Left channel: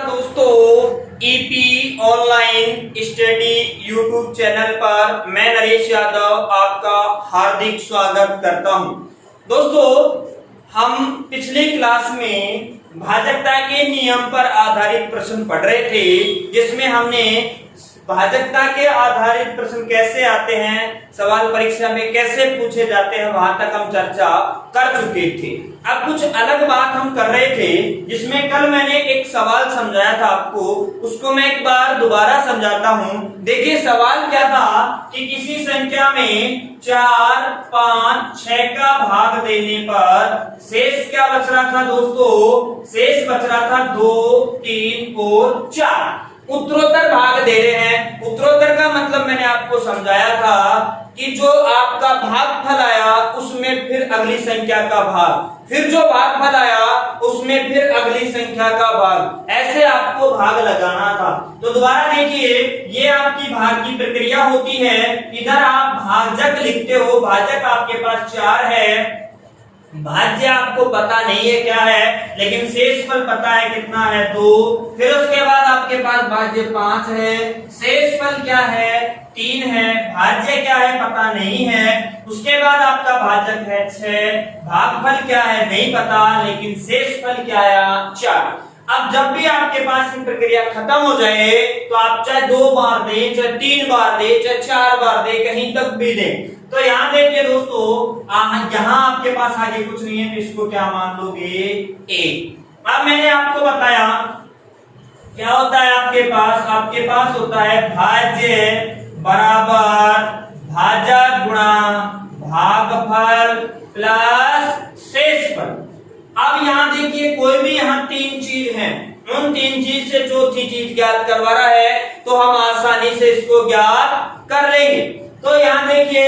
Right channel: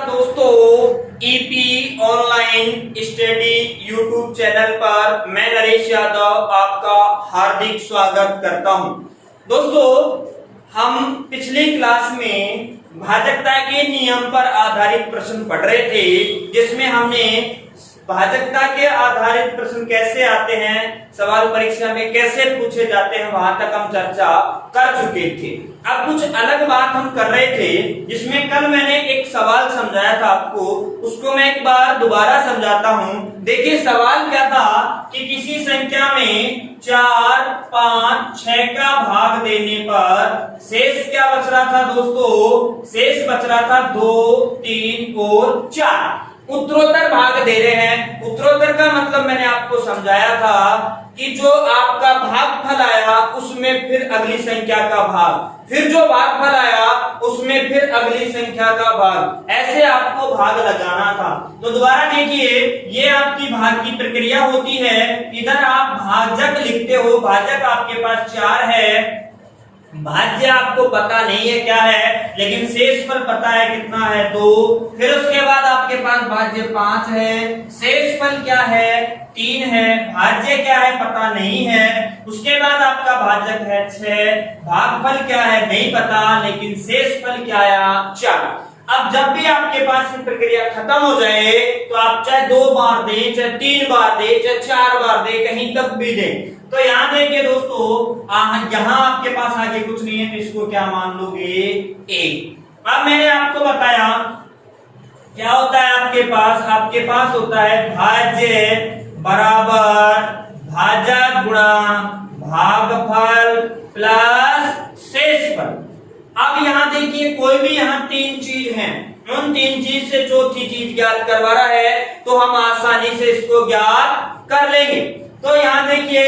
नमस्कार दोस्तों, EP online study YouTube channel पर मैं नरेश यादव आपका हार्दिक स्वागत करता हूं। दोस्तों, हम पिछली क्लास में भाजकता के नियम पर आधारित प्रश्न पढ़ रहे थे, जिसमें हमने भाजकता के आधारित प्रश्न कैसे आते हैं, सवाल परीक्षा में कैसे पूछे जाते हैं, वहां तक हम चर्चा कर चुके थे। अब कुछ अलग बात हम कर रहे थे, जिसमें कल मैंने एक सवाल समझाया था आपको, उसको मैं एक बार दोबारा समझाता हूं। देखिए सवाल क्या था कि किसी संख्या में 4, 5, 6 का भाग देने पर शेष क्या बच रहा था दोस्तों? शेष बच रहा था 2, 3 और 4। उत्तरोत्तर भाग दे रहे हैं। उत्तरोत्तर का मतलब मैंने आपको समझाया था कि जो आपका भागफल आया उसमें फिर अगली संख्या का भाग, फिर जो भागफल आया उसमें फिर अगली संख्या का भाग, ऐसे आपको भाग लगाना था। तो दोबारा देखिए, ये आपकी भाग की प्रक्रिया होती है। इधर आप भाजक लिखते हो, भाजक आपके पास 4 है, भाज्य आपको पता नहीं है क्या है, लेकिन शेषफल पता है कितना है, 2। फिर उसके बाद आपके पास भाज्य 5 है, शेषफल क्या है, 3 है, भाज्य क्या है पता नहीं है। उसके बाद आपका भाजक है 6, भागफल क्या है नहीं पता, लेकिन शेषफल क्या आया 4। अब जब भी आपके पास ये प्रक्रिया खत्म हो जाए तो आप चाहे 2 बार दें, चाहे 3 बार दें, चाहे 4 बार दें, कहीं तक भी दें। तो यहाँ देखिए दोस्तों, यहाँ आपके पास आगे कुछ नहीं है, तो इसको क्या मान लोगे? 1। अब मैंने आपको बताया क्या होता है आपके पास होता है भाज्य बराबर भाजक गुणा भागफल प्लस शेषफल। अब यहाँ देखिए, कोई भी यहाँ 3 चीज हैं, उन 3 चीज से चौथी चीज ज्ञात करवा रहा है, तो हम आसानी से इसको ज्ञात कर लेंगे। तो यहाँ देखिए,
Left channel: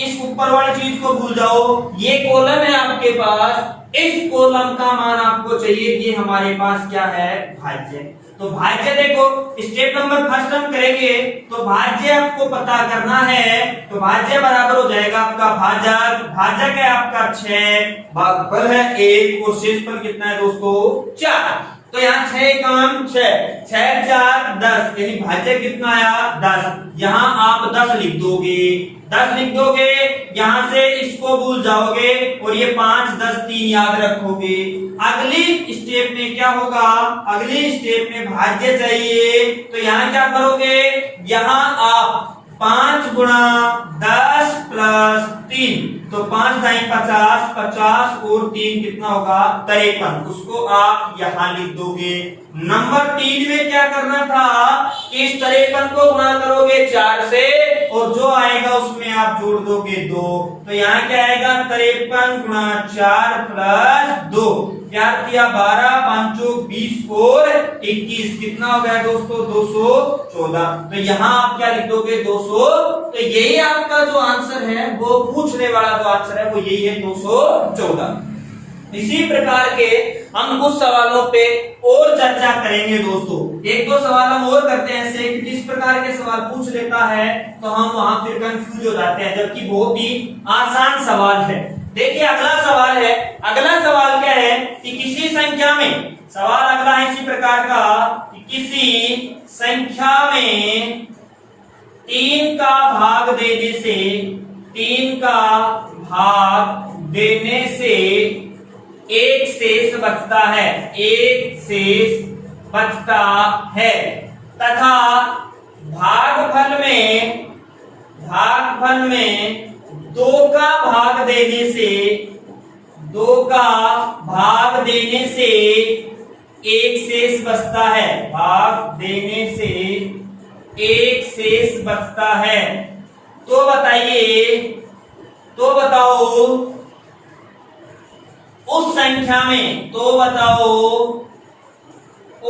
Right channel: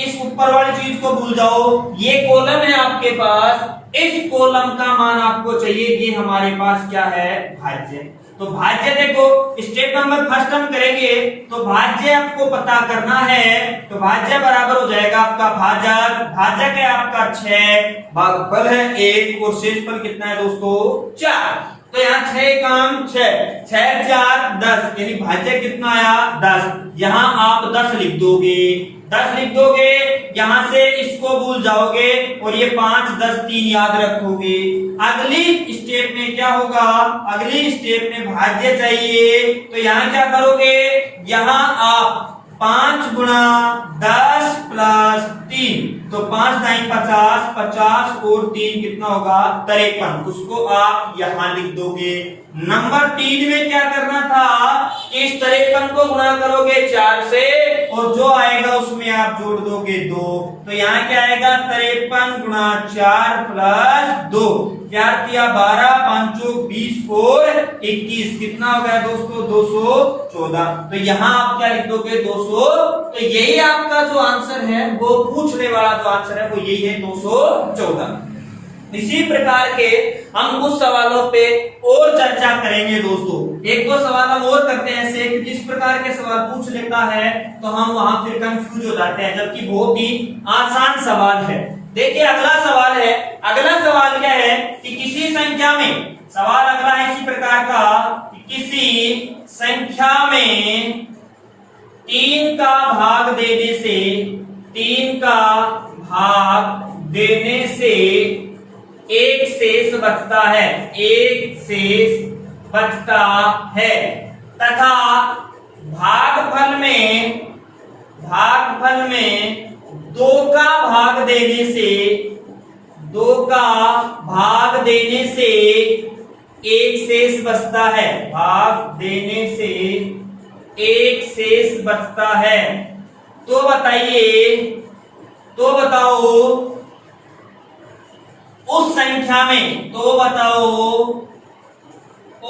इस ऊपर वाली चीज को भूल जाओ, ये कॉलम है आपके पास, इस कॉलम का मान आपको चाहिए कि हमारे पास क्या है? भाज्य। तो भाज्य देखो, स्टेप नंबर फर्स्ट हम करेंगे, तो भाज्य आपको पता करना है। तो भाज्य बराबर हो जाएगा आपका भाजक, भाजक है आपका 6, भागफल है 1 और शेषफल कितना है दोस्तों? 4। तो यहाँ 6 काम 6, 6 4 10, यानी भाज्य कितना आया? 10। यहाँ आप 10 लिख दोगे, 10 लिख दोगे, यहाँ से इसको भूल जाओगे और ये 5 10 3 याद रखोगे। अगली स्टेप में क्या होगा? अगली स्टेप में भाज्य चाहिए, तो यहाँ क्या करोगे? यहाँ आप 5 गुणा 10 प्लस 3, तो 5 दाई 50, 50 और 3 कितना होगा? 53। उसको आप यहाँ लिख दोगे। नंबर 3 में क्या करना था कि इस 53 को गुणा करोगे 4 से, और जो आएगा उसमें आप जोड़ दोगे 2। तो यहाँ क्या आएगा? 53 गुणा 4 प्लस 2, प्यार किया 12, 5 20 और 21, कितना हो गया दोस्तों? 214। तो यहाँ आप क्या लिख दोगे? 200। तो यही आपका जो आंसर है, वो पूछने वाला जो आंसर है वो यही है, 214। इसी प्रकार के हम कुछ सवालों पे और चर्चा करेंगे दोस्तों। एक दो सवाल हम और करते हैं ऐसे कि जिस प्रकार के सवाल पूछ लेता है तो हम वहां फिर कंफ्यूज हो जाते हैं, जबकि बहुत ही आसान सवाल है। देखिए अगला सवाल है, अगला सवाल क्या है कि किसी संख्या में, सवाल अगला है इसी प्रकार का कि किसी संख्या में 3 का भाग देने से, 3 का भाग देने से एक शेष बचता है, एक शेष बचता है, तथा भागफल में 2 का भाग देने से, 2 का भाग देने से एक शेष बचता है, भाग देने से एक शेष बचता है। तो बताइए, तो बताओ उस संख्या में, तो बताओ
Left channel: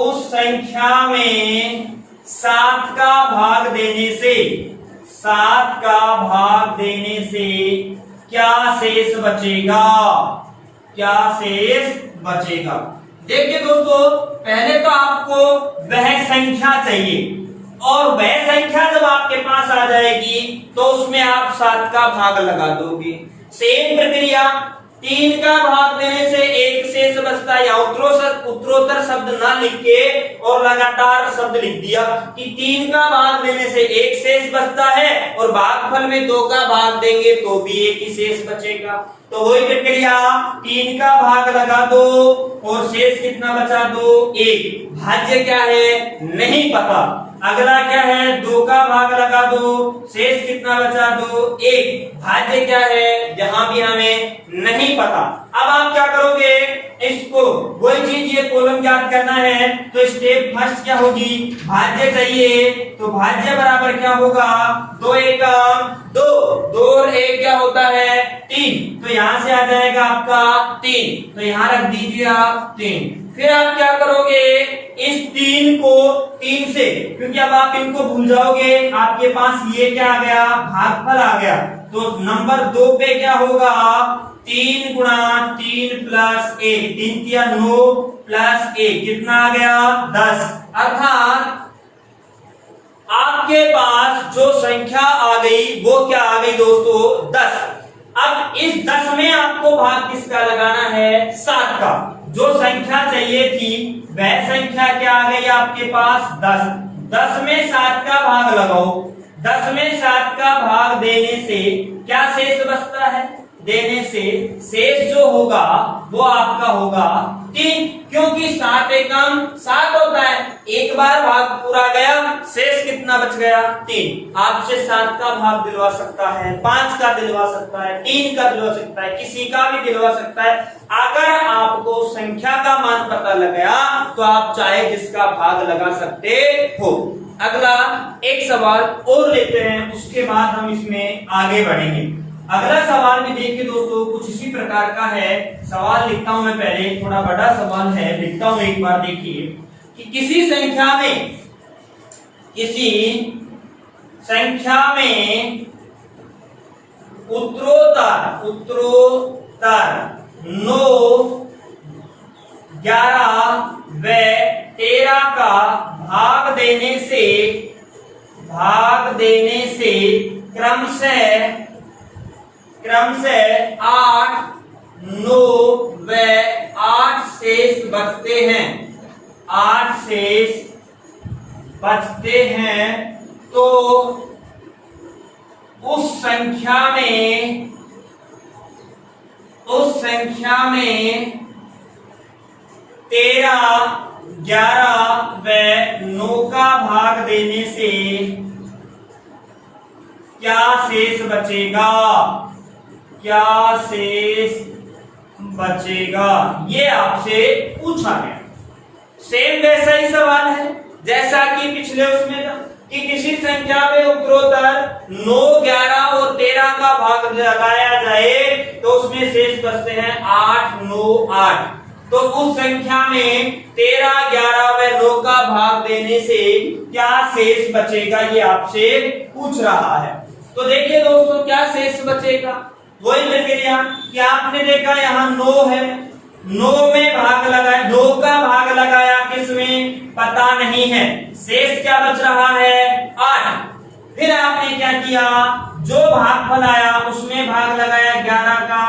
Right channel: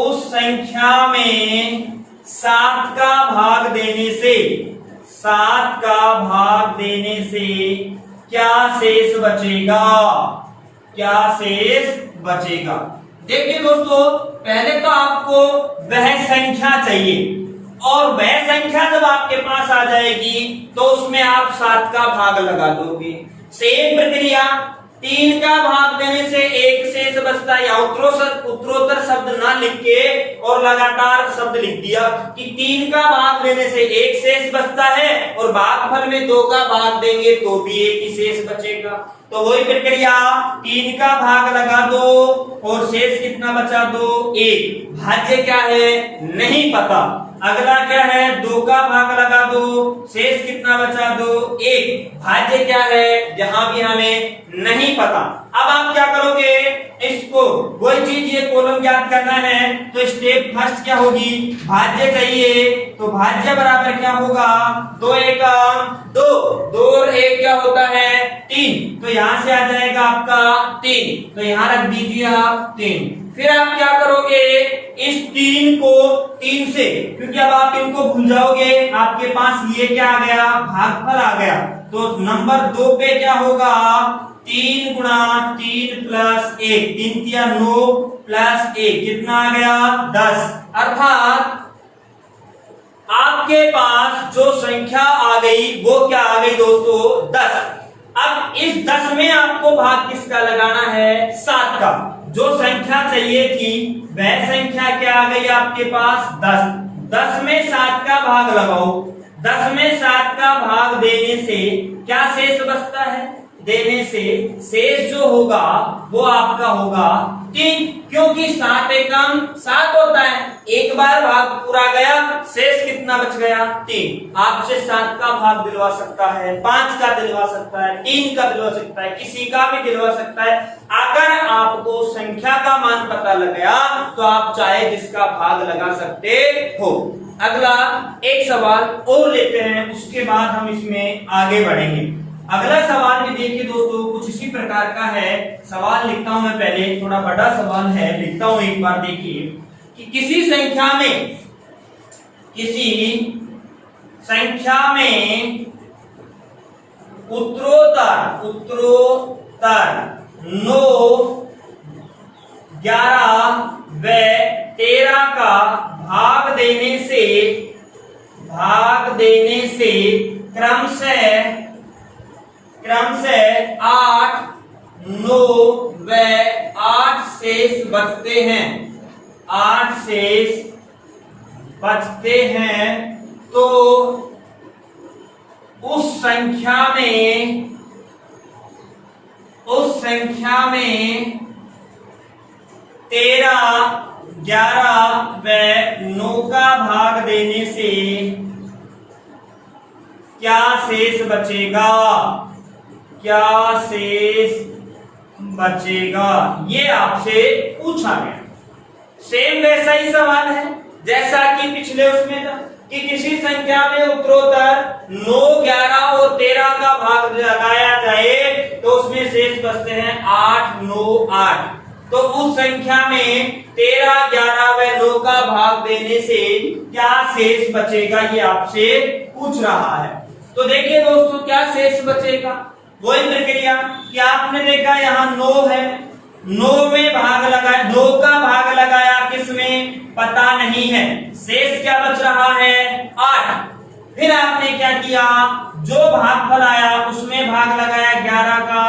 उस संख्या में 7 का भाग देने से, 7 का भाग देने से क्या शेष बचेगा? क्या शेष बचेगा? देखिए दोस्तों, पहले तो आपको वह संख्या चाहिए, और वह संख्या जब आपके पास आ जाएगी तो उसमें आप 7 का भाग लगा दोगे। सेम प्रक्रिया, तीन का भाग देने से एक शेष बचता है। या उत्तरोत्तर शब्द ना लिख के और लगातार शब्द लिख दिया कि तीन का भाग देने से एक शेष बचता है और भागफल में दो का भाग देंगे तो भी एक ही शेष बचेगा। तो वही प्रक्रिया, तीन का भाग लगा दो और शेष कितना बचा दो, एक। भाज्य क्या है नहीं पता। अगला क्या है, दो का भाग लगा दो, शेष कितना बचा दो, एक। भाज्य क्या है यहां भी हमें नहीं पता। अब आप क्या करोगे, इसको वही चीज ये कॉलम ज्ञात करना है तो स्टेप फर्स्ट क्या होगी, भाज्य चाहिए तो भाज्य बराबर क्या होगा, दो एकम दो, दो और एक क्या होता है तीन। तो यहां से आ जाएगा आपका तीन, तो यहां रख दीजिए आप तीन। फिर आप क्या करोगे, इस तीन को तीन से, क्योंकि अब आप इनको भूल जाओगे, आपके पास ये क्या आ गया, भागफल आ गया। तो नंबर दो पे क्या होगा, तीन गुणा तीन प्लस एक, तीन तिया 9 प्लस एक कितना आ गया 10। अर्थात आपके पास जो संख्या आ गई वो क्या आ गई दोस्तों, 10। अब इस 10 में आपको भाग किसका लगाना है, 7 का। जो संख्या चाहिए थी वह संख्या क्या आ गई आपके पास 10। 10 में 7 का भाग लगाओ। 10 में 7 का भाग देने से क्या शेष बचता है, देने से शेष जो होगा वो आपका होगा 3, क्योंकि 7 एकम 7 होता है। एक बार भाग पूरा गया, शेष कितना बच गया 3। आपसे 7 का भाग दिलवा सकता है, 5 का दिलवा सकता है, 3 का दिलवा सकता है, किसी का भी दिलवा सकता है। अगर आपको संख्या का मान पता लग गया तो आप चाहे जिसका भाग लगा सकते हो। अगला एक सवाल और लेते हैं, उसके बाद हम इसमें आगे बढ़ेंगे। अगला सवाल भी देखिए दोस्तों, कुछ इसी प्रकार का है। सवाल लिखता हूं मैं, पहले थोड़ा बड़ा सवाल है, लिखता हूं एक बार। देखिए कि किसी संख्या में उत्तरोत्तर 9, 11 व 13 का भाग देने से क्रमशः 8, 9 व 8 शेष बचते हैं। 8 शेष बचते हैं तो उस संख्या में 13, 11 व 9 का भाग देने से क्या शेष बचेगा, क्या शेष बचेगा, ये आपसे पूछा गया। सेम वैसा ही सवाल है जैसा कि पिछले उसमें था कि किसी संख्या में उत्तरोत्तर 9, 11 और 13 का भाग लगाया जाए तो उसमें शेष बचते हैं 8, 9, 8। तो उस संख्या में 13, 11 व 9 का भाग देने से क्या शेष बचेगा, ये आपसे पूछ रहा है। तो देखिए दोस्तों, क्या शेष बचेगा, वही प्रक्रिया कि आपने देखा यहाँ 9 है, 9 में भाग लगाया, 9 का भाग लगाया किसमें पता नहीं है, शेष क्या बच रहा है 8। फिर आपने क्या किया, जो भागफल आया उसमें भाग लगाया 11 का,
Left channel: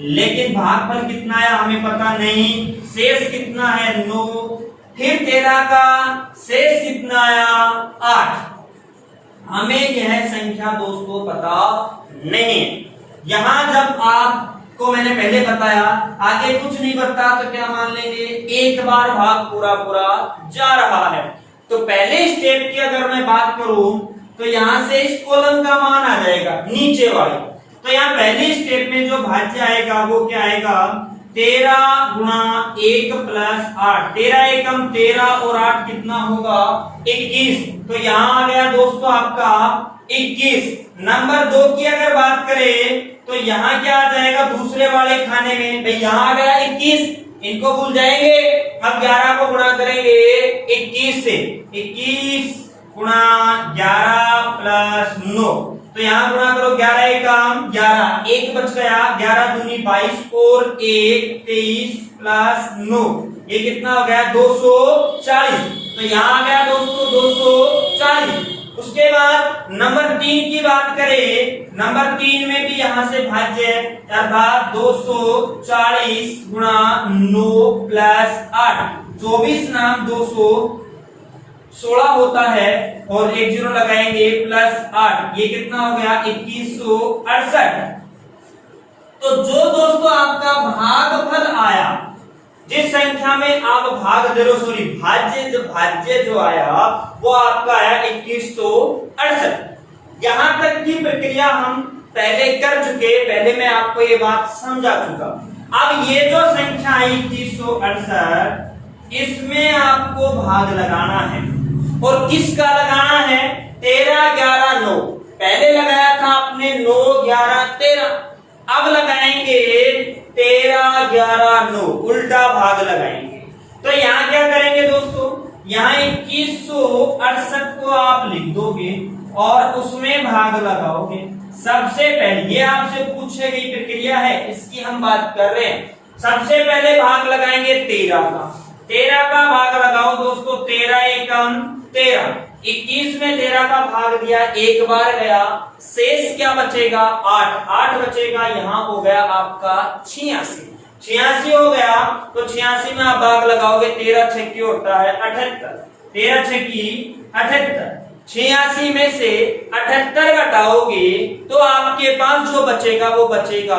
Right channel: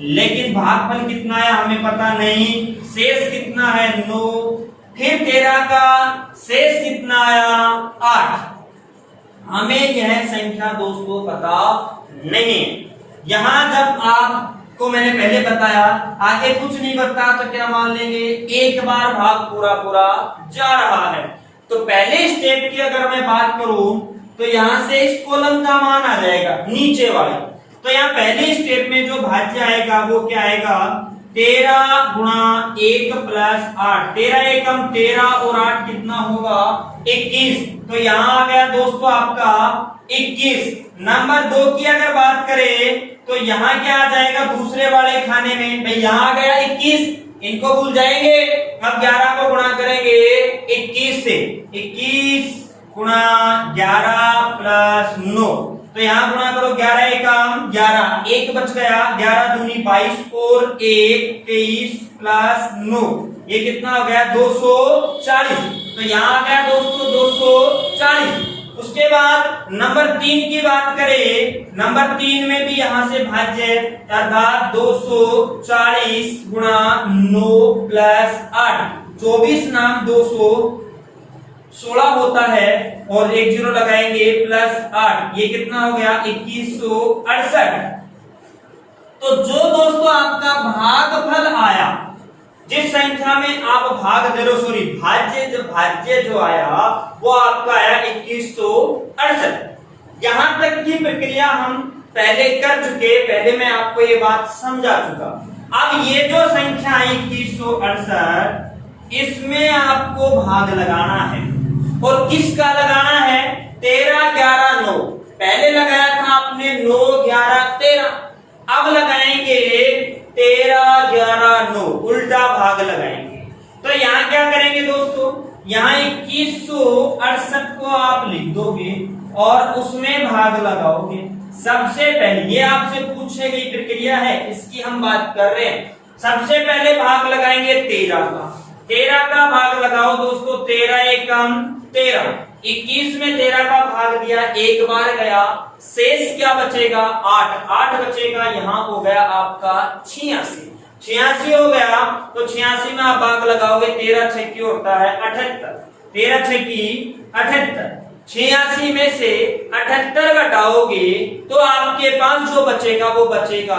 लेकिन भागफल कितना आया हमें पता नहीं, शेष कितना है 9। फिर 13 का शेष कितना आया 8। हमें यह संख्या दोस्तों पता नहीं है। यहां जब आपको मैंने पहले बताया आगे कुछ नहीं बता तो क्या मान लेंगे, एक बार भाग पूरा जा रहा है। तो पहले स्टेप की अगर मैं बात करूं तो यहां से इस कॉलम का मान आ जाएगा नीचे वाला। तो यहाँ पहले स्टेप में जो भाज्य आएगा वो क्या आएगा, 13 गुणा 1 प्लस 8। 13 एकम 13 और 8 कितना होगा 21। तो यहाँ आ गया दोस्तों आपका 21। नंबर 2 की अगर बात करें तो यहाँ क्या आ जाएगा दूसरे वाले खाने में, भाई यहाँ आ गया 21, इनको भूल जाएंगे। अब 11 को गुणा करेंगे 21 से, 21 गुणा 11 प्लस 9। तो यहाँ गुणा करो 11 एकम 11, 1 बच गया, 11 दूनी 22 और 1 23 प्लस 9, ये कितना हो गया 240। तो यहाँ आ गया दोस्तों 240। उसके बाद नंबर 3 की बात करें, नंबर 3 में भी यहां से भाज्य अर्थात 240 गुणा 9 प्लस 8, 24 नाम 216 होता है और एक जीरो लगाएंगे प्लस 8, ये कितना हो गया 2168। तो जो दोस्तों आपका भागफल आया, जिस संख्या में आप भाग दे रहे, सॉरी भाज्य जो आया वो आपका आया 2168। यहां तक की प्रक्रिया हम पहले कर चुके, पहले मैं आपको ये बात समझा चुका। अब ये जो संख्या आई 2168, इसमें आपको भाग लगाना है और किसका लगाना है? 13 11 9। पहले लगाया था आपने 9 11 13, अब लगाएंगे 13 11 9, उल्टा भाग लगाएंगे। तो यहाँ क्या करेंगे दोस्तों, यहाँ 2168 को आप लिख दोगे और उसमें भाग लगाओगे। सबसे पहले ये आपसे पूछे गई प्रक्रिया है, इसकी हम बात कर रहे हैं। सबसे पहले भाग लगाएंगे 13 का, 13 का भाग लगाओ दोस्तों, 13 एकम 13, 21 में 13 का भाग दिया, एक बार गया, शेष क्या बचेगा 8, 8 बचेगा, यहाँ हो गया आपका 86 हो गया। तो 86 में आप भाग लगाओगे, 13 छक्की होता है 78, 13 छक्की 78, 86 में से 78 घटाओगे तो आपके पास जो बचेगा वो बचेगा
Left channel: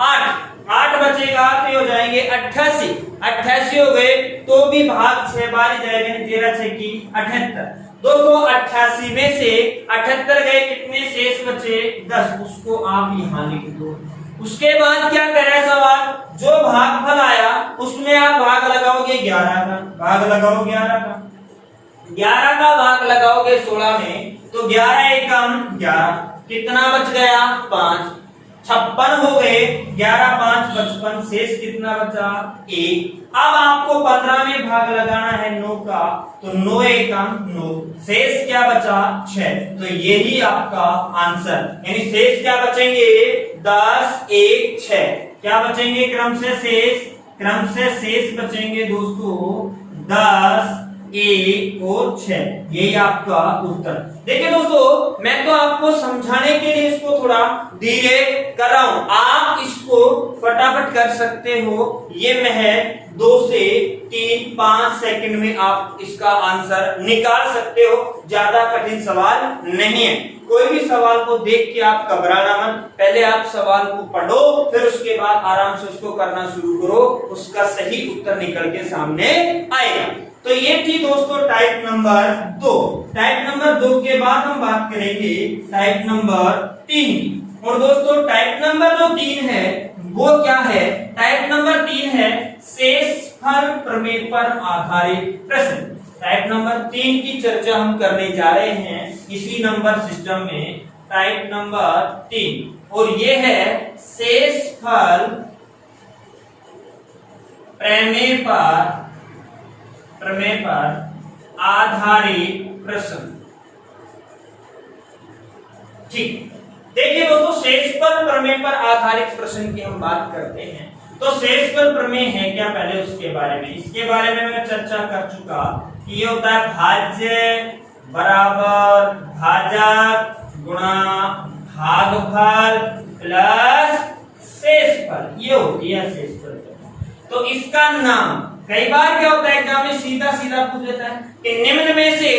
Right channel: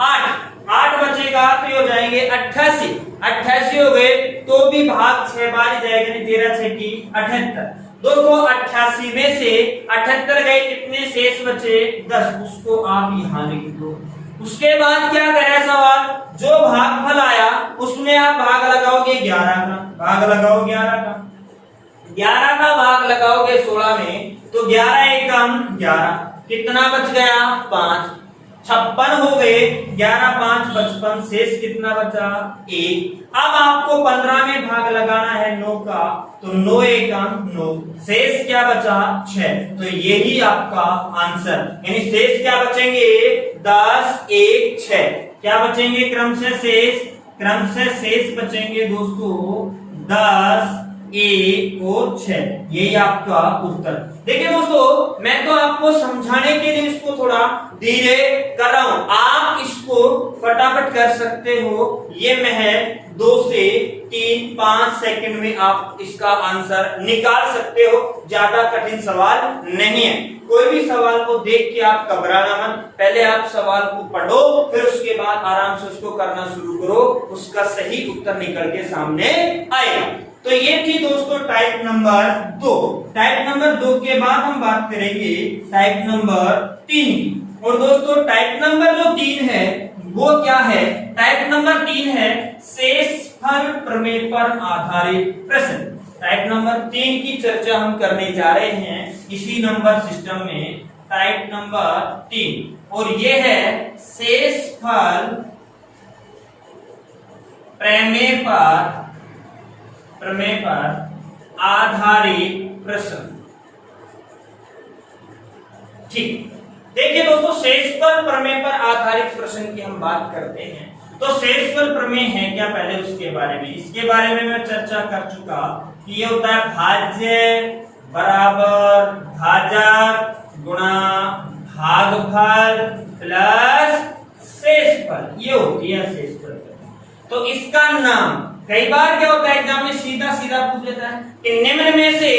8 बचेगा, तो हो जाएंगे 88 हो गए, तो भी भाग 6 बार जाएगा, 13 छक्की 78। दोस्तों 88 में से 78 गए, कितने शेष बचे 10, उसको आप यहां लिख दो। उसके बाद क्या करे सवाल, जो भागफल आया उसमें आप भाग लगाओगे 11 का, भाग लगाओ 11 का, 11 का भाग लगाओगे 16 में, तो 11 एकम 11, कितना बच गया 5, 56 हो गए, 11 5 55, शेष कितना बचा 1। अब आपको 15 में भाग लगाना है 9 का, तो 9 एकम 9, शेष क्या बचा 6। तो यही आपका आंसर, यानी शेष क्या बचेंगे 10 1 6, क्या बचेंगे क्रम से शेष बचेंगे दोस्तों 10 1 और 6, यही आपका उत्तर। देखिए दोस्तों, मैं तो आपको समझाने के लिए इसको थोड़ा धीरे कर रहा हूं, आप इसको फटाफट कर सकते हो। ये महज 2 से 3 5 सेकंड में आप इसका आंसर निकाल सकते हो, ज्यादा कठिन सवाल नहीं है। कोई भी सवाल को देख के आप घबराना मत, पहले आप सवाल को पढ़ो, फिर उसके बाद आराम से उसको करना शुरू करो, उसका सही उत्तर निकल के सामने आएगा। तो ये थी दोस्तों टाइप नंबर 2। टाइप नंबर 2 के बाद हम बात करेंगे टाइप नंबर 3 की। और दोस्तों टाइप नंबर जो 3 है वो क्या है? टाइप नंबर 3 है शेषफल प्रमेय पर आधारित प्रश्न। टाइप नंबर 3 की चर्चा हम करने जा रहे हैं इसी नंबर सिस्टम में, टाइप नंबर 3, और ये है शेषफल प्रमेय पर आधारित प्रश्न। ठीक, देखिए दोस्तों, शेषफल प्रमेय पर आधारित प्रश्न की हम बात करते हैं। तो शेषफल प्रमेय है क्या, पहले उसके बारे में, इसके बारे में मैं चर्चा कर चुका कि ये होता है भाज्य बराबर भाजक गुणा भागफल प्लस शेषफल, ये होती है शेषफल। तो इसका नाम, कई बार क्या होता है एग्जाम में सीधा पूछ देता है कि निम्न में से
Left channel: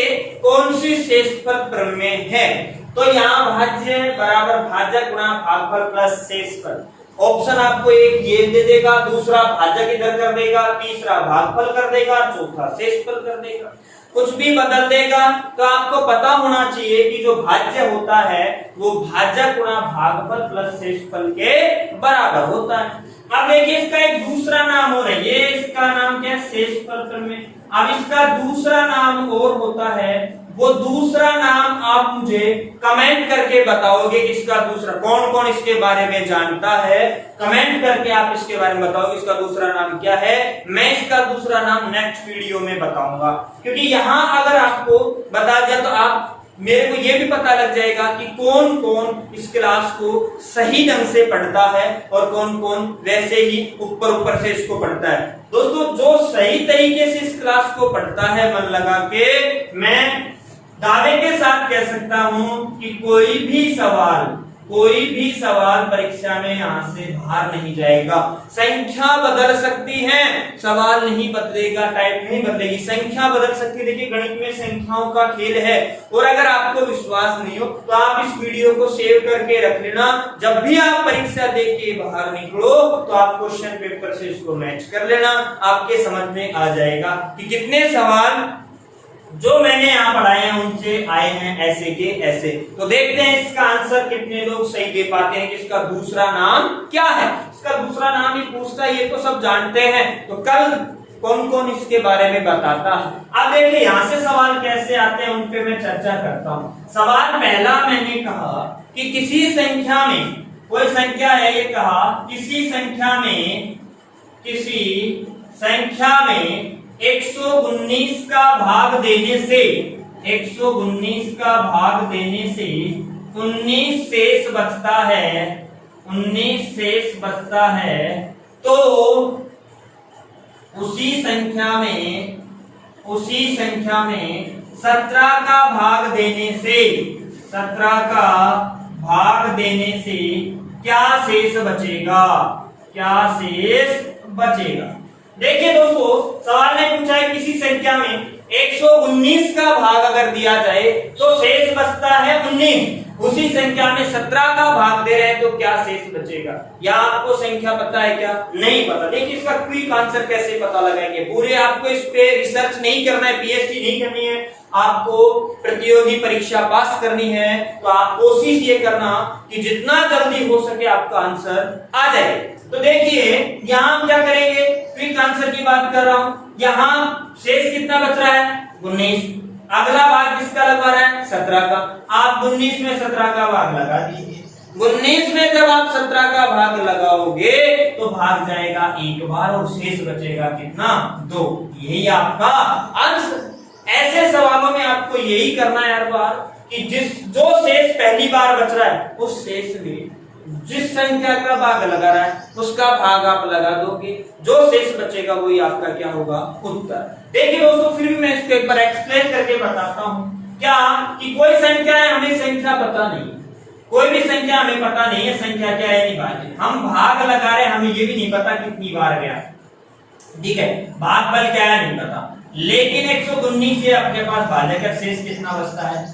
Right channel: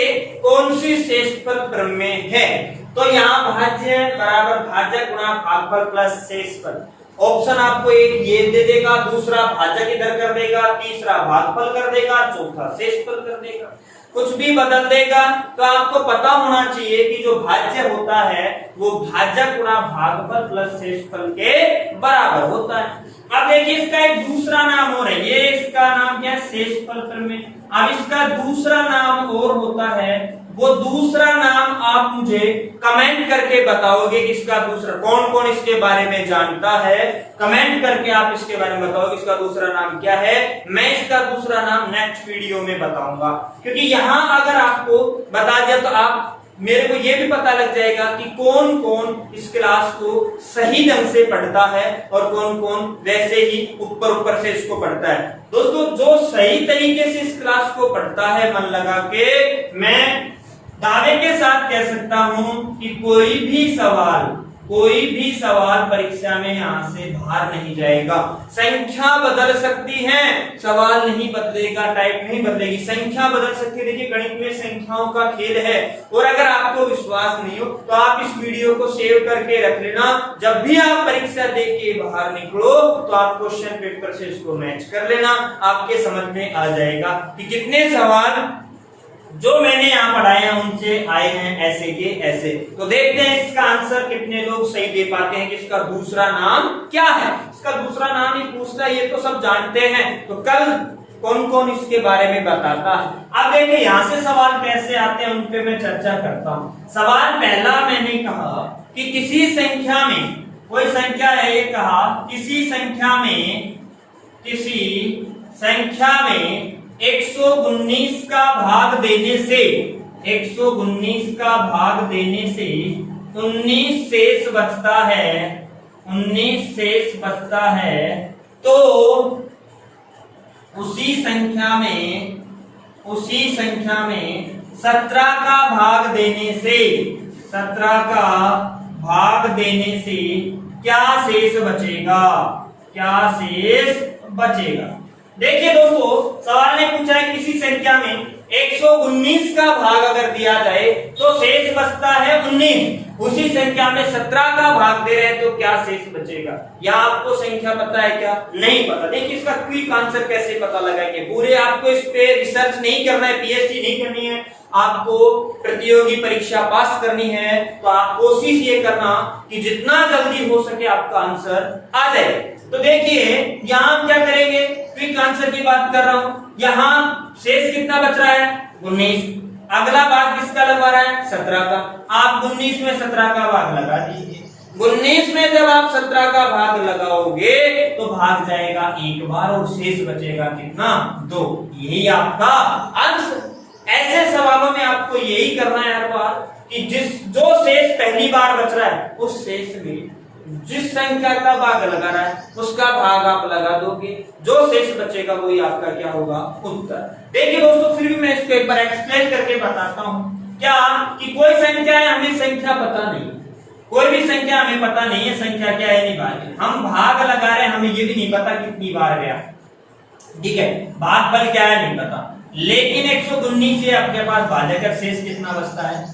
कौन सी शेषफल प्रमेय है। तो यहाँ भाज्य बराबर भाजक गुणा भागफल प्लस शेषफल, ऑप्शन आपको एक ये दे देगा, दूसरा भाजक इधर कर देगा, तीसरा भागफल कर देगा, चौथा शेषफल कर देगा, कुछ भी बदल देगा। तो आपको पता होना चाहिए कि जो भाज्य होता है वो भाजक गुणा भागफल प्लस शेषफल के बराबर होता है। अब देखिए इसका एक दूसरा नाम और है, ये इसका नाम क्या है, शेषफल प्रमेय। अब इसका दूसरा नाम और होता है, वो दूसरा नाम आप मुझे कमेंट करके बताओगे कि इसका दूसरा, कौन कौन इसके बारे में जानता है, कमेंट करके आप इसके बारे में बताओगे इसका दूसरा नाम क्या है। मैं इसका दूसरा नाम नेक्स्ट वीडियो में बताऊंगा, क्योंकि यहाँ अगर आपको बता दिया तो आप मेरे को ये भी पता लग जाएगा कि कौन कौन इस क्लास को सही ढंग से पढ़ता है और कौन कौन वैसे ही ऊपर से इसको पढ़ता है। दोस्तों जो सही तरीके से इस क्लास को पढ़ता है मन लगा के, मैं दावे के साथ कह सकता हूं कि कोई भी सवाल परीक्षा में यहां से बाहर नहीं जाएगा। संख्या बदल सकती है, सवाल नहीं बदलेगा, टाइप नहीं बदलेगी, संख्या बदल सकती है। देखिए गणित में संख्याओं का खेल है। और अगर आपको विश्वास नहीं हो तो आप इस वीडियो को सेव करके रख लेना। जब भी आप परीक्षा दे के बाहर निकलो तो आप क्वेश्चन पेपर से इसको मैच कर लेना, आपके समझ में आ जाएगा कि कितने सवाल जो मैंने यहाँ पढ़ाए हैं उनसे आए हैं ऐसे के ऐसे। तो देखते हैं इसका आंसर कितने लोग सही दे पाते हैं कि इसका दूसरा नाम क्या है। इसका दूसरा नाम ही पूछता है, ये तो सब जानते हैं। तो कल कौन कौन इसके बारे में बताता है। अब देखिए यहाँ से सवाल कैसे आते हैं उन पे मैं चर्चा करता हूँ। सवाल पहला मैंने कहा कि किसी संख्या में, कोई संख्या है, ये कहा किसी संख्या में 119 का भाग देने से 119 का भाग देने से 19 शेष बचता है, 19 शेष बचता है, तो उसी संख्या में 17 का भाग देने से 17 का भाग देने से क्या शेष बचेगा, क्या शेष बचेगा। देखिए दोस्तों सवाल ने पूछा है किसी संख्या में 119 का भाग अगर दिया जाए तो शेष बचता है 19। उसी संख्या में 17 का भाग दे रहे हैं तो क्या शेष बचेगा। या आपको संख्या पता है क्या? नहीं पता। देखिए इसका क्विक आंसर कैसे पता लगाएंगे। पूरे आपको इस पे रिसर्च नहीं करना है, पीएचडी नहीं करनी है, आपको प्रतियोगी परीक्षा पास करनी है। तो आप कोशिश ये करना कि जितना जल्दी हो सके आपका आंसर आ जाए। तो देखिए यहाँ हम क्या करेंगे, क्विक आंसर की बात कर रहा हूं। यहाँ शेष कितना बच रहा है? 19। अगला भाग किसका लगा रहा है? 17 का। आप 19 में 17 का भाग लगा दीजिए। 19 में जब आप 17 का भाग लगाओगे तो भाग जाएगा एक बार और शेष बचेगा कितना? 2। यही आपका आंसर। ऐसे सवालों में आपको यही करना है हर बार कि जो शेष पहली बार बच रहा है उस शेष में जिस संख्या का भाग लगा रहा है उसका भाग आप लगा दोगे, जो शेष बचेगा वही आपका क्या होगा? उत्तर। देखिए दोस्तों फिर भी मैं इसको एक बार एक्सप्लेन करके बताता हूँ। क्या कि कोई संख्या है, हमें संख्या पता नहीं, कोई भी संख्या हमें पता नहीं है संख्या क्या है, नहीं बात। हम भाग लगा रहे हैं, हमें ये भी नहीं पता कितनी बार गया, ठीक है, भागफल क्या है नहीं पता। लेकिन 119 से आपके पास भाजक शेष कितना बचता है?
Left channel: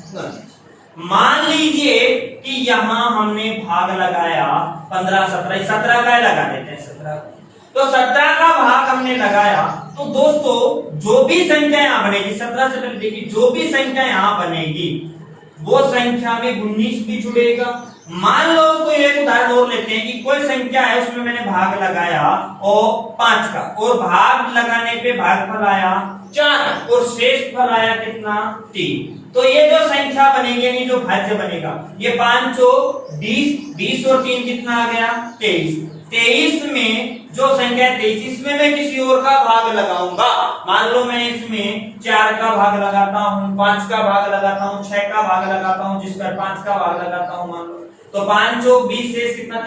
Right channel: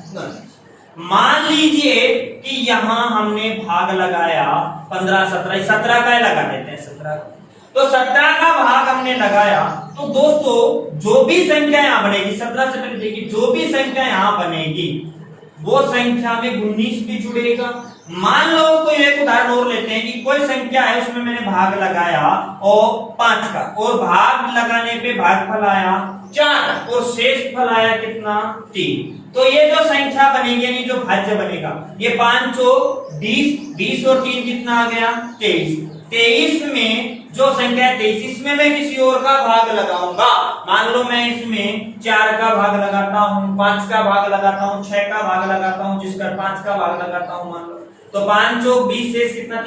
मान लीजिए कि यहां हमने भाग लगाया 15, 17 का लगा देते हैं 17 का। तो 17 का भाग हमने लगाया तो दोस्तों जो भी संख्या यहां बनेगी, 17 से पहले देखिए, जो भी संख्या यहां बनेगी वो संख्या में 19 भी जुड़ेगा। मान लो तो एक उदाहरण और लेते हैं कि कोई संख्या है उसमें मैंने भाग लगाया और 5 का, और भाग लगाने पे भागफल आया 4 और शेष फल आया कितना? 3। तो ये जो संख्या बनेगी यानी जो भाज्य बनेगा, ये 5 और 20 और 3 कितना आ गया? 23। 23 में जो संख्या 23, इसमें मैं किसी और का भाग लगाऊंगा। मान लो मैं इसमें 4 का भाग लगाता हूँ, 5 का भाग लगाता हूँ, 6 का भाग लगाता हूँ, जिसका 5 का भाग लगाता हूँ मान लो, तो 5 और 20 शेष कितना?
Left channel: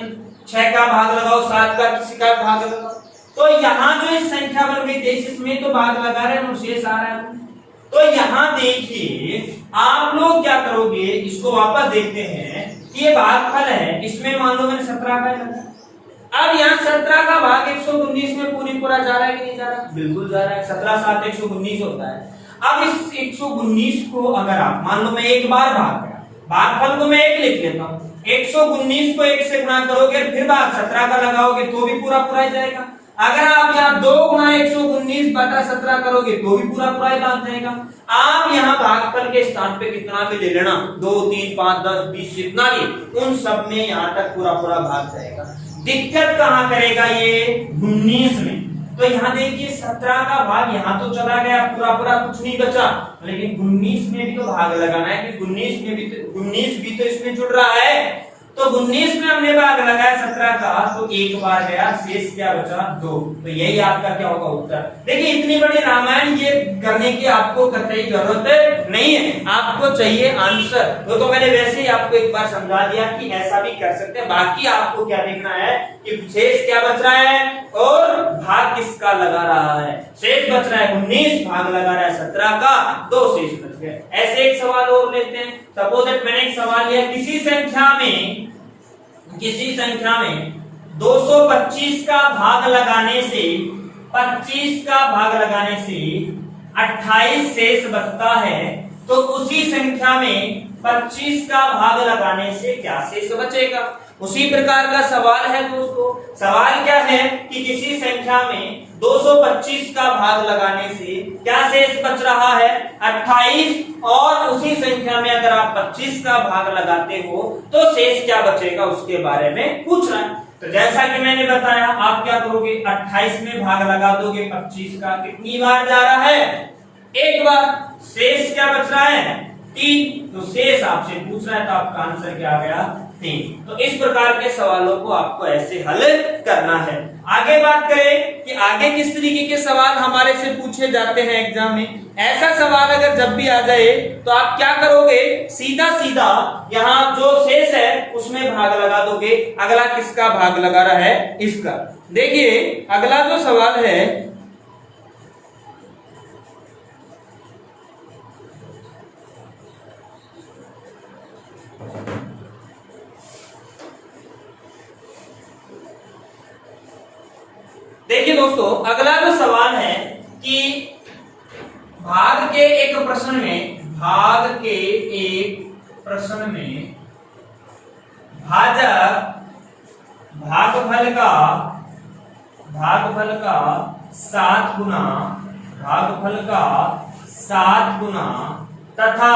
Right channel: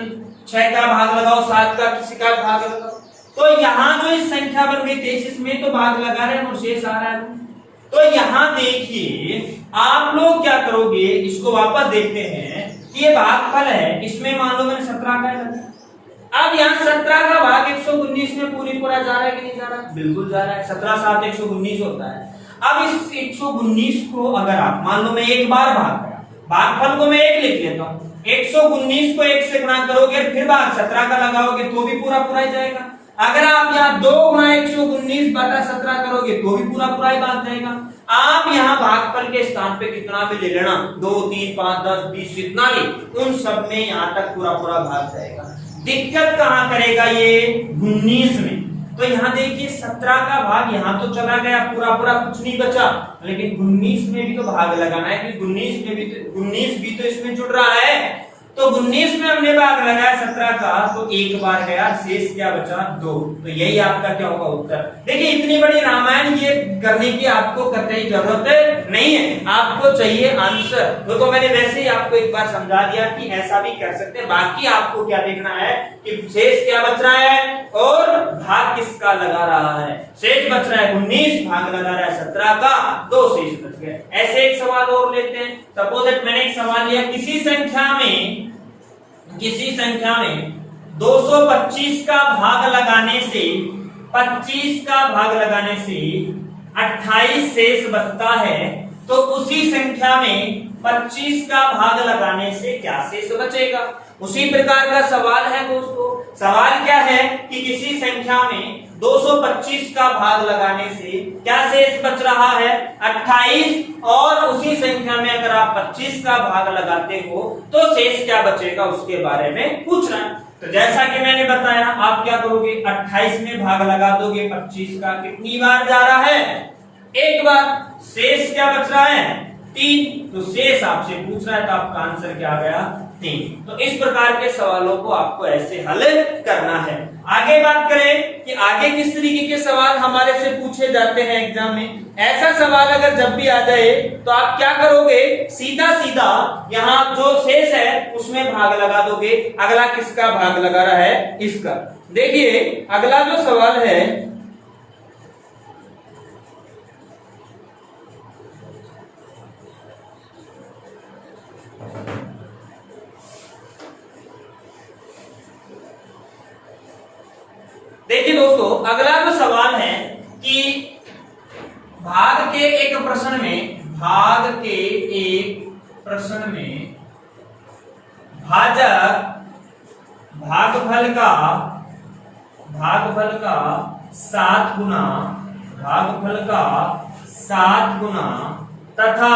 6 का भाग लगाओ, 7 का किसी का भाग लगाओ। तो यहाँ जो इस संख्या बन गई 23 में तो भाग लगा रहे हैं और शेष आ रहा है। तो यहाँ देखिए आप लोग क्या करोगे, इसको वापस देखते हैं कि ये भागफल है, इसमें मान लो मैंने 17 का लगा। अब यहाँ 17 का भाग 119 में पूरा जा रहा है कि नहीं जा रहा? बिल्कुल जा रहा है। 17 7 119 होता है। अब इस 119 को अगर आप मान लो मैं एक बार भाग गया, भागफल को मैं 1 लिख लेता हूँ, 119 को 1 से गुणा करोगे फिर भाग 17 का लगाओगे तो भी पूरा जाएगा। अगर आप यहाँ 2 गुणा 119 बटा 17 करोगे तो भी पूरा ही भाग जाएगा। आप यहाँ भागफल के स्थान पे कितना भी ले लेना, 2 3 5 10 20 जितना भी, उन सब में यहाँ तक पूरा भाग जाएगा। दिक्कत कहाँ करेगा ये? 19 में। तो यहाँ देखिए 17 का भाग यहाँ तो चला गया, पूरा कुछ नहीं बचा, लेकिन 19 में भी तो भाग लगाना है कि 19 भी तो इसमें जुड़ रहा है। तो 19 में हमने भाग लगाया 17 का, तो एक बार गया, शेष क्या बचा 2। तो यही आपका क्या होगा उत्तर। देखिए इतनी बड़ी रामायण ये करने की आपको कतई जरूरत नहीं है, आपको चाहिए आंसर। तो मैंने वैसे ही आपको एक बार समझा दिया कि ऐसा भी कर सकते हैं। बाकी आपको क्या देखना है कि शेष क्या बच रहा है और भाग किसका लगा रहा है। शेष बच रहा है 19, भाग लगा रहा है 17 का, 2 शेष बच गए। ऐसे एक सवाल और लेते हैं। सपोज दैट मैंने एक सवाल लिया, किसी संख्या में 225 का भाग लगाने से 25 का भाग लगाने से 28 शेष बचता है, तो उसी संख्या में 25 का भाग लगाने से क्या शेष बचेगा। उसी प्रकार का सवाल है दोस्तों। सवाल क्या है कि किसी संख्या में 225 का भाग लगाने से क्या शेष बच रहा है 28, और उसी संख्या में अगर आप 25 का भाग लगाते हो तो शेष क्या बचेगा उसके बारे में पूछ रहा है। तो जैसा कि मैंने बताया, आप क्या करोगे, 28 में भाग लगा दोगे 25 का, कितनी बार जा रहा है, एक बार। शेष क्या बच रहा है 3, तो शेष आपसे पूछ रहा है, तो आपका आंसर क्या आ गया 3। तो इस प्रकार के सवालों को आपको ऐसे हल करना है। आगे बात करें कि आगे किस तरीके के सवाल हमारे से पूछे जाते हैं एग्जाम में। ऐसा सवाल अगर जब भी आ जाए तो आप क्या करोगे, सीधा सीधा यहाँ जो शेष है उसमें भाग लगा दोगे। अगला किसका भाग लगा रहा है, इसका। देखिए अगला जो सवाल है, देखिए दोस्तों अगला जो सवाल है कि भाग के एक प्रश्न में भागफल का 7 गुना तथा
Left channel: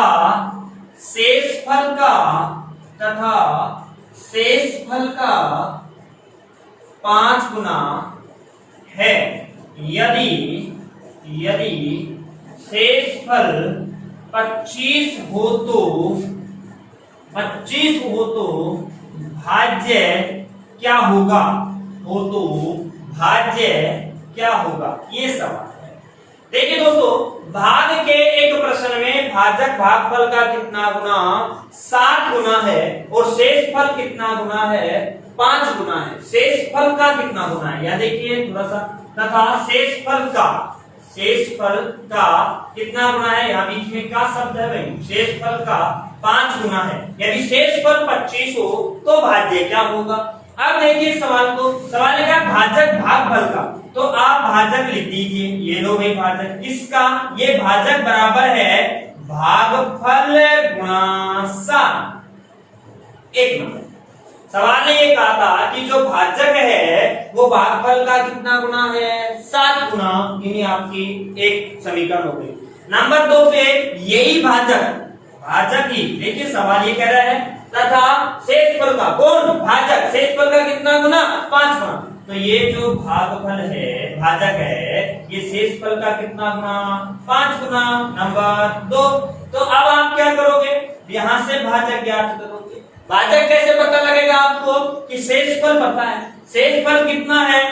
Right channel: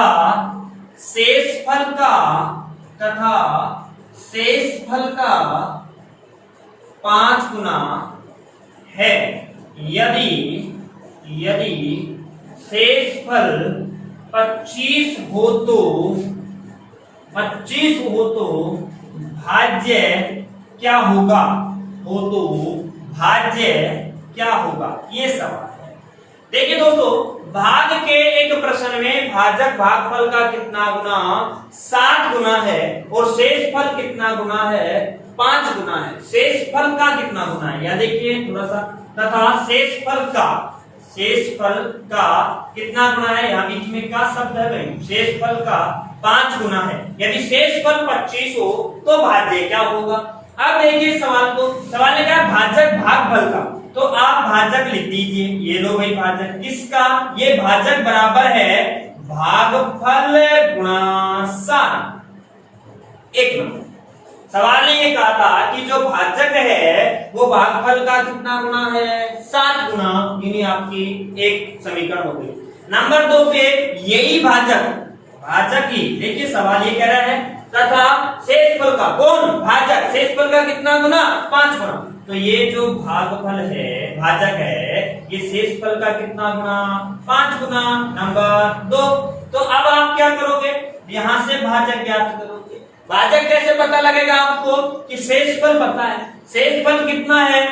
शेषफल का 5 गुना है। यदि शेषफल 25 हो तो भाज्य क्या होगा, ये सवाल है। देखिए दोस्तों, भाग के एक प्रश्न में भाजक भागफल का कितना गुना 7 गुना है और शेषफल कितना गुना है 5 गुना है। शेषफल का कितना गुना है, या देखिए थोड़ा सा, तथा शेषफल का कितना गुना है, यहाँ बीच में का शब्द है भाई, शेषफल का 5 गुना है। यदि शेषफल 25 हो तो भाज्य क्या होगा। अब देखिए सवाल है क्या, भाजक भागफल का, तो आप भाजक लिख दीजिए। ये लो भाई भाजक, किसका, ये भाजक बराबर है भागफल गुणा 7। एक नंबर सवाल ने ये कहा था कि जो भाजक है वो भागफल का कितना गुना है 7 गुना, यानी आपकी एक समीकरण हो गई। नंबर 2 पे यही भाजक ही, देखिए सवाल ये कह रहा है तथा शेषफल का, कौन, भाजक, शेषफल का कितना गुना 5 गुना। तो ये जो भागफल है, भाजक है, ये शेषफल का कितना गुना 5 गुना। नंबर 2, तो अब आप क्या करोगे, यहां से भाजक ज्ञात करोगे। भाजक कैसे पता लगेगा आपको कि शेषफल पता है, शेषफल कितना है,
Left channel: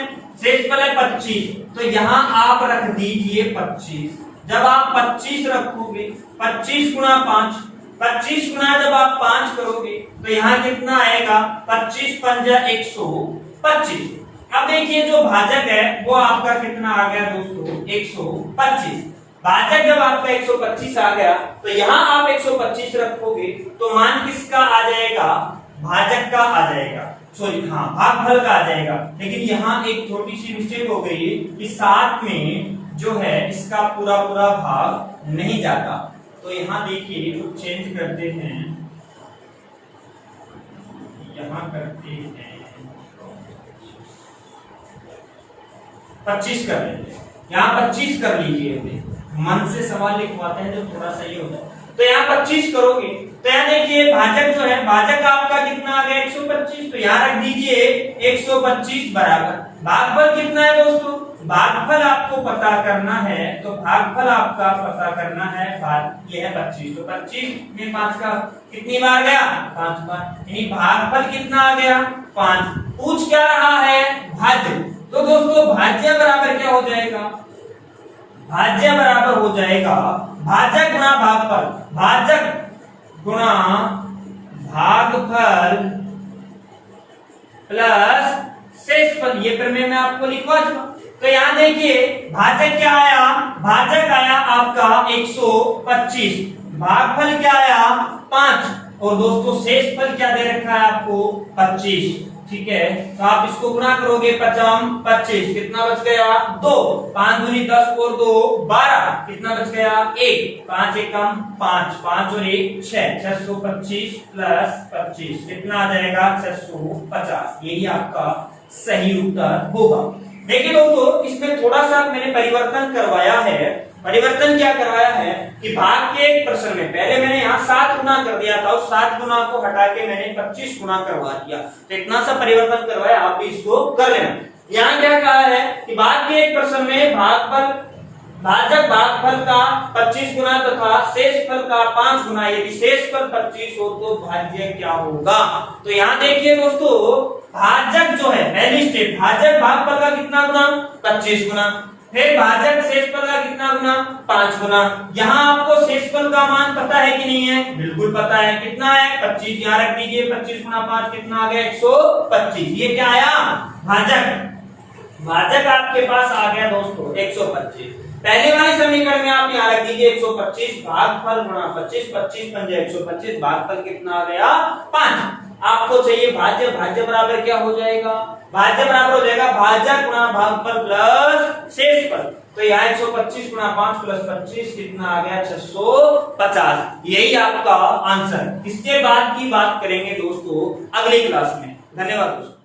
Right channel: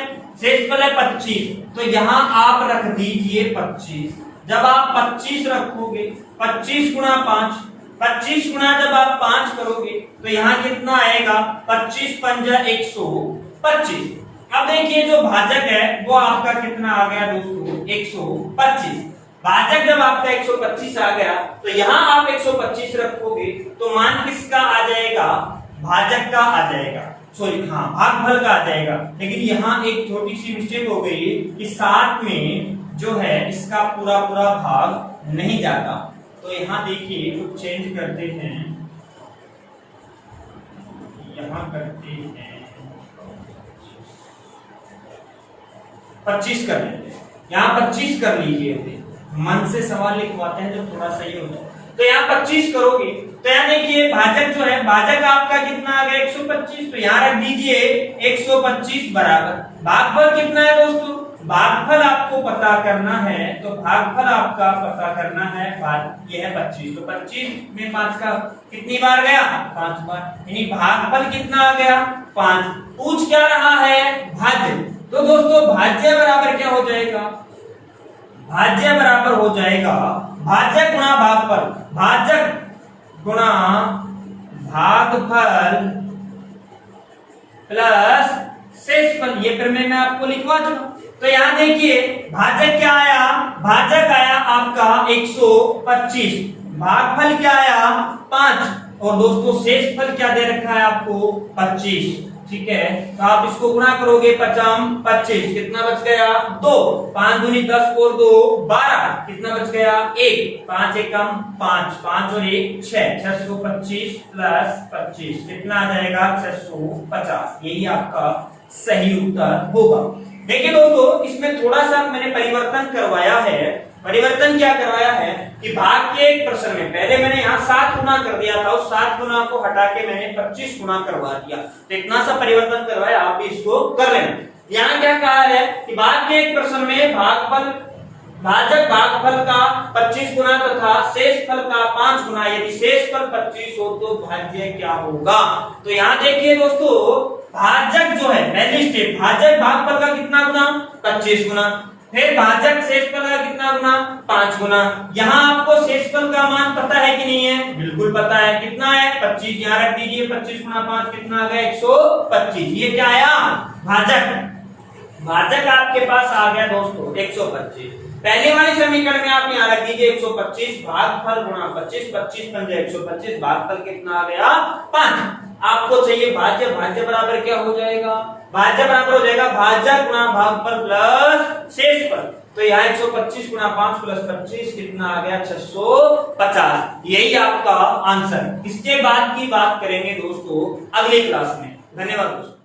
शेषफल है 25, तो यहाँ आप रख दीजिए 25। जब आप 25 रखोगे, 25 गुणा 5, 25 गुणा जब आप 5 करोगे तो यहाँ कितना आएगा, 25 पंजा 125। अब देखिए जो भाजक है वो आपका कितना आ गया दोस्तों 125। भाजक जब आपका 125 आ गया तो यहाँ आप 125 रखोगे तो मान किसका आ जाएगा, भाजक का आ जाएगा, सॉरी हाँ भागफल का आ जाएगा। लेकिन यहाँ एक छोटी सी मिस्टेक हो गई कि 7 में जो है इसका पूरा भाग नहीं जाता। तो यहाँ देखिए कुछ चेंज करते हैं, यहाँ करते हैं 25 कर लीजिए, यहाँ 25 कर लीजिए, मन से सवाल लिखवाते हैं जो थोड़ा सही होता है। तो यहाँ 25 करोगे तो यहाँ देखिए भाजक जो है, भाजक आपका कितना आ गया 125, तो यहाँ रख दीजिए 125 बराबर भागफल कितना है दोस्तों, भागफल आपको पता करना है, तो भागफल आपका पता करना है, ये है 25, तो 25 में 5 का कितनी बार गया, 5 बार, यानी भागफल कितना आ गया, 5। पूछ क्या रहा है, भाज्य। तो दोस्तों भाज्य बराबर क्या हो जाएगा, भाज्य बराबर हो जाएगा भाजक गुणा भागफल, भाजक गुणा भागफल प्लस शेषफल। ये प्रमेय मैं आपको लिखवा चुका। तो यहां देखिए भाजक क्या आया, भाजक आया आपका 125, भागफल क्या आया 5, और दोस्तों शेषफल क्या दे रखा है आपको 25। ठीक है, तो आप इसको गुणा करोगे 5 25, कितना बच गया 2, 5 दूनी 10 और 2 12, कितना बच गया 1, 5 एकम 5, 5 और 1 6, 625 प्लस 25 कितना आ जाएगा 650। यही आपका सही उत्तर होगा। देखिए दोस्तों इसमें थोड़ा सा मैंने परिवर्तन करवाया है। परिवर्तन क्या करवाया है कि भाग के एक प्रश्न में पहले मैंने यहाँ 7 गुना कर दिया था, उस 7 गुना को हटा के मैंने 25 गुना करवा दिया। तो इतना सा परिवर्तन करवाया, आप भी इसको कर लेना। यहाँ क्या कहा है कि भाग के एक प्रश्न में भागफल भाजक भागफल का 25 गुना तथा शेषफल का 5 गुना, यदि शेषफल 25 हो तो भाज्य क्या होगा। तो यहाँ देखिए दोस्तों भाजक जो है पहली स्टेप, भाजक भागफल का कितना गुना 25 गुना, फिर भाजक शेषफल का कितना गुना 5 गुना। यहाँ आपको शेषफल का मान पता है कि नहीं है, बिल्कुल पता है, कितना है 25, यहाँ रख दीजिए 25 गुना 5 कितना आ गया 125। ये क्या आया भाजक, भाजक आपके पास आ गया दोस्तों 125। पहले वाले समीकरण में आप यहाँ रख दीजिए 125 भागफल गुणा 25, 25 पंजे 125, भागफल कितना आ गया 5। आपको चाहिए भाज्य, भाज्य बराबर क्या हो जाएगा, भाज्य बराबर हो जाएगा भाजक गुणा भागफल प्लस शेषफल। तो यहाँ 125 गुणा 5 प्लस 25 कितना आ गया 650। यही आपका आंसर। इसके बाद की बात करेंगे दोस्तों अगली क्लास में। धन्यवाद दोस्तों।